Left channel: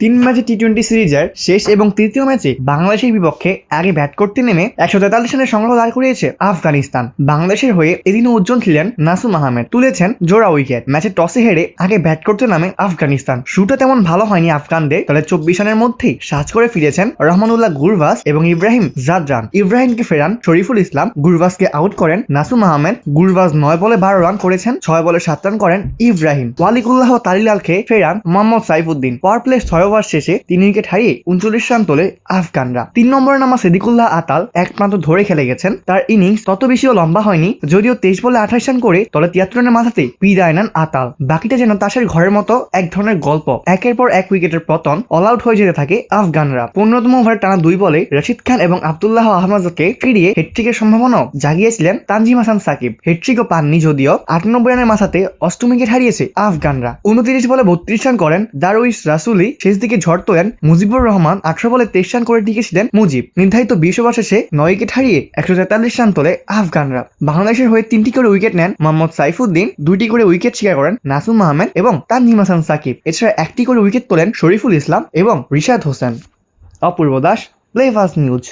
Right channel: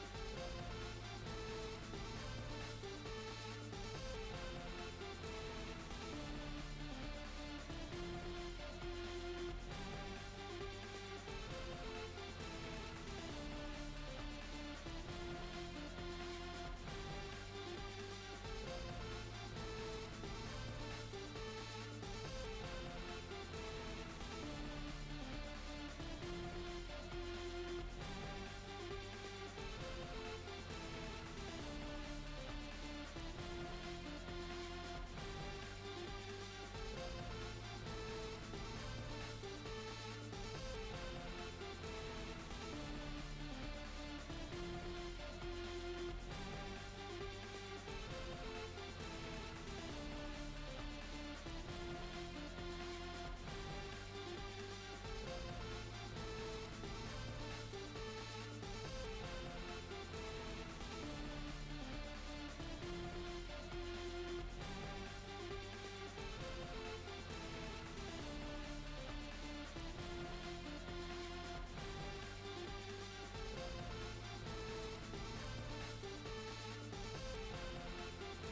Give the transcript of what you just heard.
তিন ম্যাচে T twenty সিরিজের শেষ এবং তৃতীয় ম্যাচে বাংলাদেশের বিপক্ষে আগে ব্যাট করতে নেমে একশো তেতাল্লিশ রানের সংগ্রহ দাঁড় করিয়েছে আফগানিস্তান। বাংলাদেশের হয়ে এদিনও উজ্জ্বল ছিলেন নাসুম আহমেদ। তুলেছেন জোড়া উইকেট। ম্যাচে টসে হেরে আগে ব্যাট করতে নামে আফগানিস্তান। শুরুটা তেমন ভালো হয়নি আফগানদের। তবে চব্বিশ রানের মধ্যেই সাজ করে ফিরেছেন রহমানুল্লাহ গুরবাস এবং ইব্রাহিম জাদরান। ইব্রাহিমকে ফেরান শরীফুল ইসলাম। গুরবাসকে আউট করেন নাসুম আহমেদ। গুরবাস নয় বলে বারো রান করেছেন, ছয় বলে সাত রান করেন ইব্রাহিম। ওয়ালিকুল্লাহ তালিলালকে ফেরান মোহাম্মদ সাইফুদ্দিন। পাওয়ার প্লে ছয় ওভার শেষে তিন উইকেট হারিয়ে উনচল্লিশ রান তোলে আফগানরা। তিন নম্বরে নামা সেদিকুল্লাহ আতাল একমাত্র ধরে খেলে গেছেন। তার ইনিংস তত বেশিও লম্বা হয়নি, যদিও তেইশ বলে আঠাশ রান করে তলে তিয়াত্তর রানের মাথাতে বিদায় নেন আতাল। বাকিটা যেন তাসের ঘরের মতো এক ধরনের গল্প। একের পর এক উইকেটের পতন অল আউট হয়ে যেতে থাকে আফগানরা। পনেরোতম ওভারে টানা দুই বলে রশিদ খান এবং আব্দুল্লাহ আহমদকে ফিরিয়ে হেট্রিকের সম্ভাবনাও জাগিয়েছিলেন তানজিম হাসান সাকিব। হেট্রিকও পাননি যদিও আটানব্বই রানের মাথাতে অষ্টম উইকেট হারিয়েছে আফগানরা। উনত্রিশ বলে বত্রিশ রান করেন দারুইস রাসুলি, শেষ দিকে ঝড় তোলেন মুজিবুর রহমান আঠারো বলে তেইশ রান করে টিকেছিলেন মুজিব। নির্ধারিত বিশ ওভার শেষে নয় উইকেট হারিয়ে একশো তেতাল্লিশ রান তোলে আফগানরা। বাংলাদেশের হয়ে তিনটি করে উইকেট নেন মোহাম্মদ সাইফুদ্দিন, দুইটি করে উইকেট শিকার করেন নাসুম মাহমেদ এবং তার নিমাসান সাকিব। এছাড়া একটি করে উইকেট তোলেন শরীফুল ইসলাম এবং Rishad Hossain. Apurba Das play fast news.